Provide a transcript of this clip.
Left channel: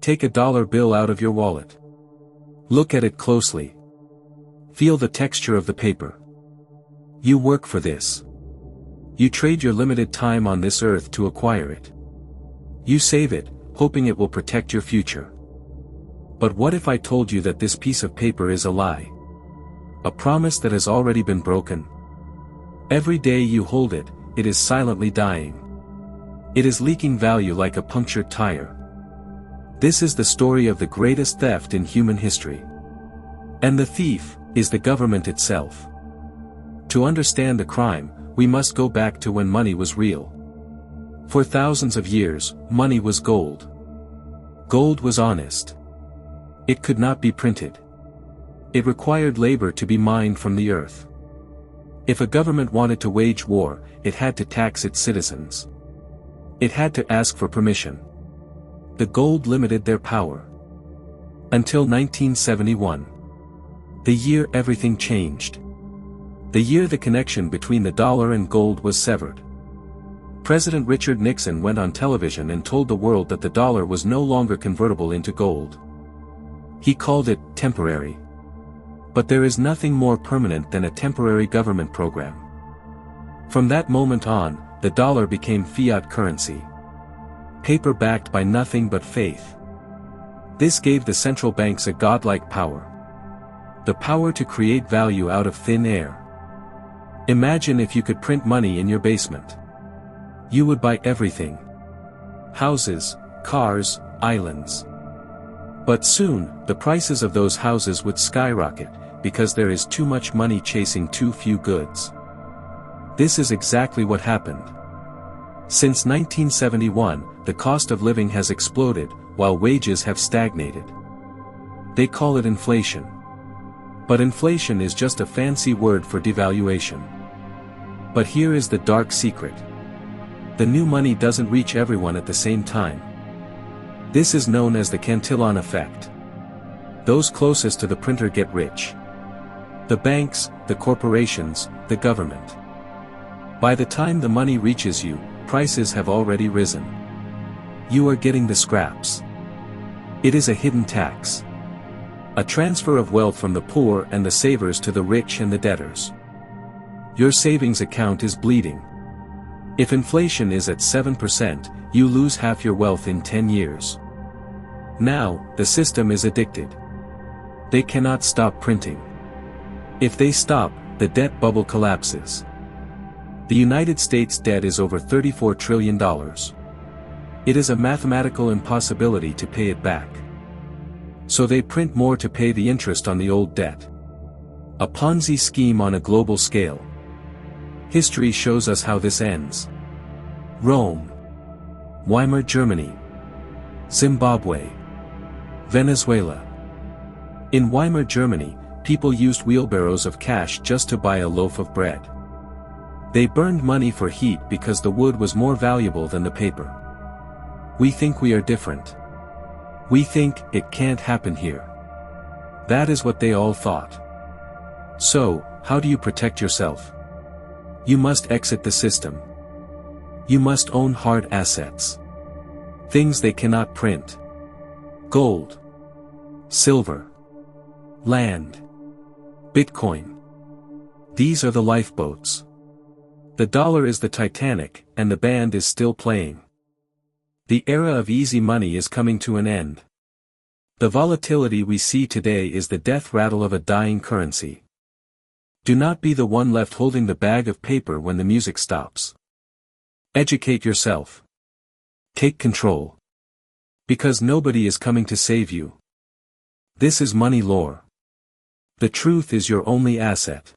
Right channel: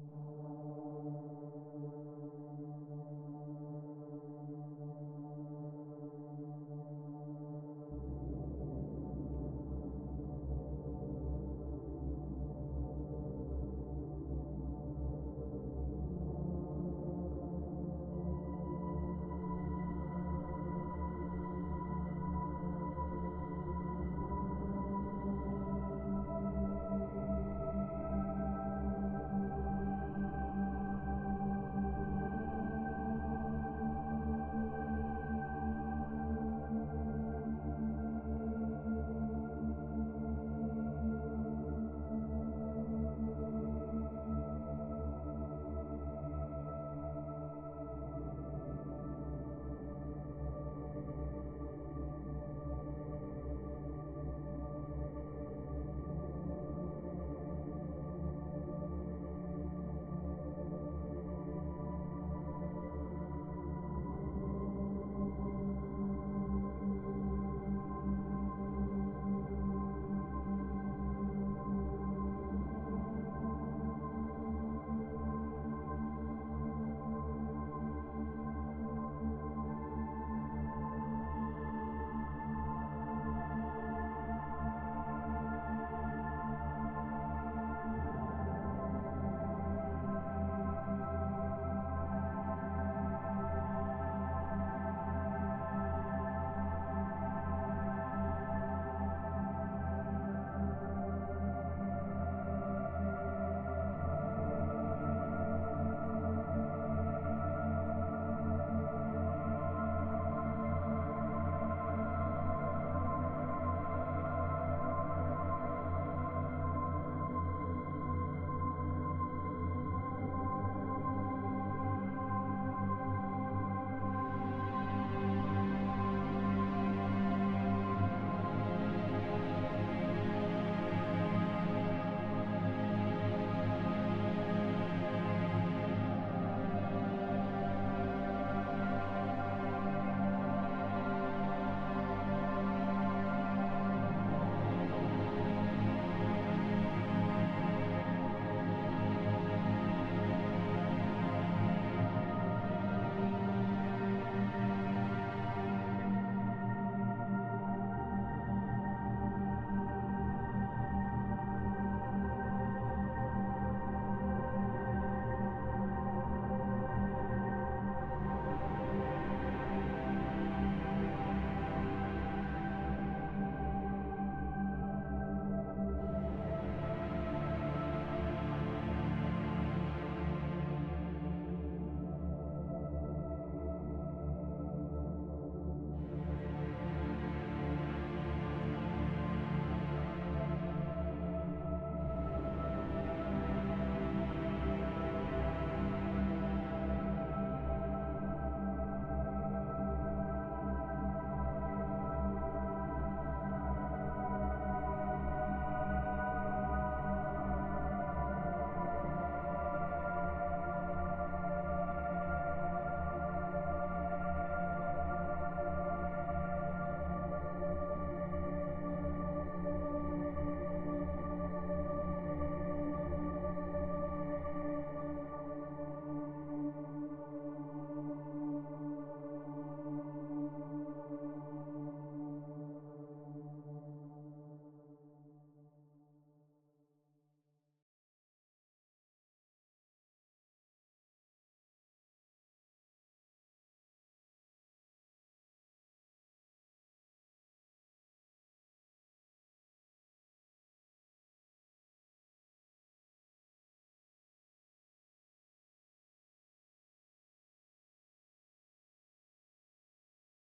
Take a dollar bill out of your wallet. Look at it closely. Feel the texture of the paper. You work for this. You trade your limited time on this earth to acquire it. You save it, hoping it will protect your future. But what if I told you that this piece of paper is a lie? A promise that has already been broken? Every day you hold it, it is silently dying. It is leaking value like a punctured tire. This is the story of the greatest theft in human history. And the thief is the government itself. To understand the crime, we must go back to when money was real. For thousands of years, money was gold. Gold was honest. It could not be printed. It required labor to be mined from the earth. If a government wanted to wage war, it had to tax its citizens. It had to ask for permission. The gold limited their power. Until 1971. The year everything changed. The year the connection between the dollar and gold was severed. President Richard Nixon went on television and told the world that the dollar was no longer convertible into gold. He called it temporary. But there is nothing more permanent than a temporary government program. From that moment on, the dollar became fiat currency. Paper backed by nothing but faith. This gave the central banks a godlike power. The power to create value out of thin air. Imagine if you could print money in your basement. You would buy everything. Houses, cars, islands. But soon, the prices of those houses would skyrocket, because there is too much money chasing too few goods. This is exactly what happened. Since 1971, the cost of living has exploded, while wages have stagnated. They call it inflation. But inflation is just a fancy word for devaluation. But here is the dark secret. The new money doesn't reach everyone at the same time. This is known as the Cantillon Effect. Those closest to the printer get rich. The banks, the corporations, the government. By the time the money reaches you, prices have already risen. You are getting the scraps. It is a hidden tax. A transfer of wealth from the poor and the savers to the rich and the debtors. Your savings account is bleeding. If inflation is at 7%, you lose half your wealth in 10 years. Now, the system is addicted. They cannot stop printing. If they stop, the debt bubble collapses. The United States debt is over $34 trillion. It is a mathematical impossibility to pay it back. So they print more to pay the interest on the old debt. A Ponzi scheme on a global scale. History shows us how this ends. Rome. Weimar Germany. Zimbabwe. Venezuela. In Weimar Germany, people used wheelbarrows of cash just to buy a loaf of bread. They burned money for heat because the wood was more valuable than the paper. We think we are different. We think it can't happen here. That is what they all thought. So, how do you protect yourself? You must exit the system. You must own hard assets. Things they cannot print. Gold. Silver. Land. Bitcoin. These are the lifeboats. The dollar is the Titanic, and the band is still playing. The era of easy money is coming to an end. The volatility we see today is the death rattle of a dying currency. Do not be the one left holding the bag of paper when the music stops. Educate yourself. Take control. Because nobody is coming to save you. This is money lore. The truth is your only asset.